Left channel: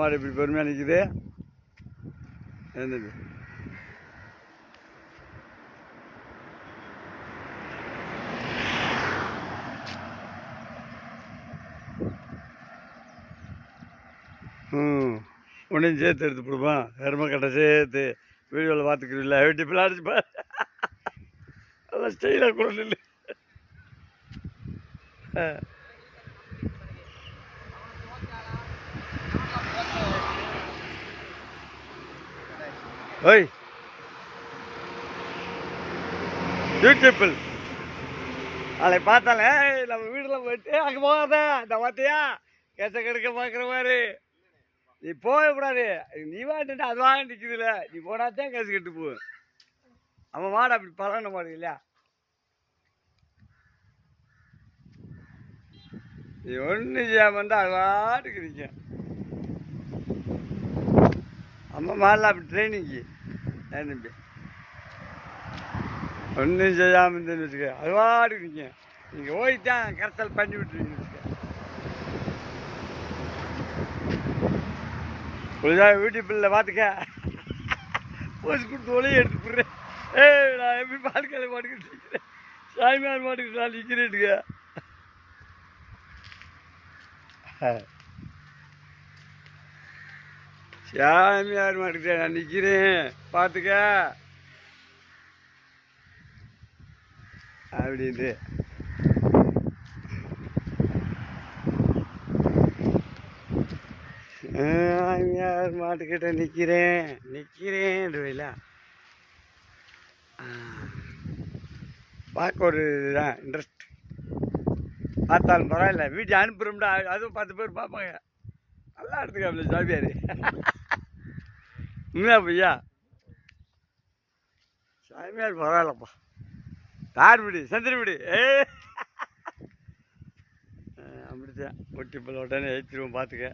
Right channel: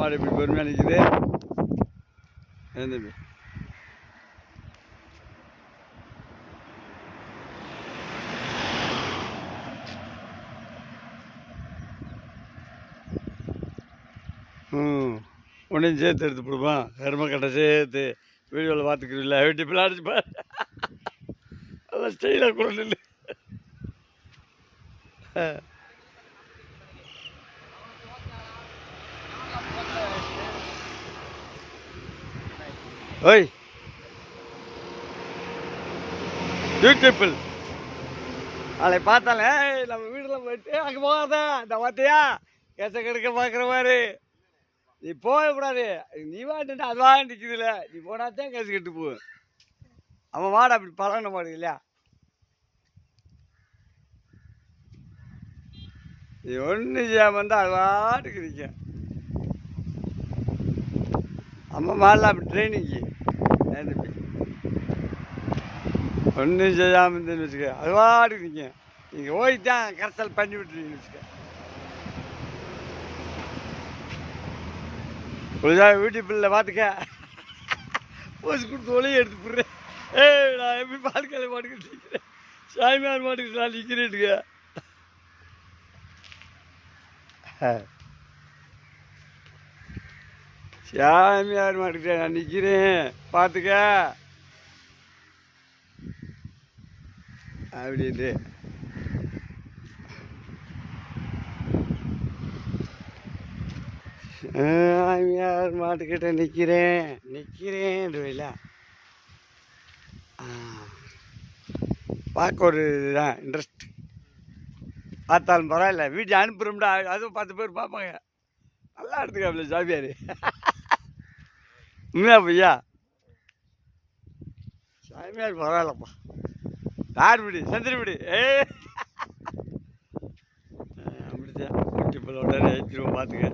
மாடு இப்படி பொறுமையாக நிற்குது. தம்பி உன்னையும் சேர்த்து எடுத்து கொடுப்பான். கருமக்கட்டை சேர்த்து வீடியோவில் பார்த்துக்கிறீங்களா? வெட்டி பிள்ளாடிச்சு பாரு. நல்லா ஸ்டைலாக கூட இல்லை. ஓய் பியூட்டிஃபுல். அதை பார்த்தாலே நம்ம வீட்டில் போயிட்டு அங்கே போகாத. இந்த பார்த்தியா கேச கெடுக்க பார்க்குற மாதிரி. நீ போகக்கூடாது. நீ வாட்டு அது வாங்க நிற்குதுல. நீ போனாத்தான் கேசு கெட்டு போ. அவன் மாடு அப்படி பழன மாடு இல்லையா? நீ ஒன்றும் செய்யாமல் இருந்தால் அது வாட்டுக்கு நிற்க. அம்மா மாடில் அப்படி ட்ரைனிங்கு தம்பி. ஒன்றும் செய்யாமல் இருந்தேன்னு வச்சுக்க அது வாட்டுக்கு நிற்க. நீங்கள் ஓய்தான் கரைசல் பண்ணி விட்டுருவீங்க வச்சுக்க. கொஞ்சம் வீட்டு பிள்ளை பார்த்துக்க. போச்சு கொடுத்து ஒளியை எடுத்து போடுறேன். நான் எப்படி பால்காலை மாட்டுக்கிட்டு இருக்கிறேன். சாமியார் மாட்டுக்கிட்டு நான் நிற்கிறேன்ட்டுக்க. சாமியார் மாட்டுக்கிட்ட நான் நிற்கிறேன் பார்த்துக்க அப்படின்ட்டு. சாமியார் மாட்டுக்கிட்ட நிற்கிறேன் பார்க்க ஒரு இதுதான் இன்ட்ரெஸ்ட். பார்த்தாலும் பரவாயில்ல. வீட்டை அனுப்புகிறோம்டா. அதுவும் 10 பேர் பார்ப்பாங்க. நல்லா எடுத்துக்காப்ல சாமியார். உண்மையா பையா? சாமியார் பரவாயில்லப்பா. யார் வீடு? சந்திர வீடு. அப்படித்தான். வீட்டு இப்போ உடனே பார்த்துக்க.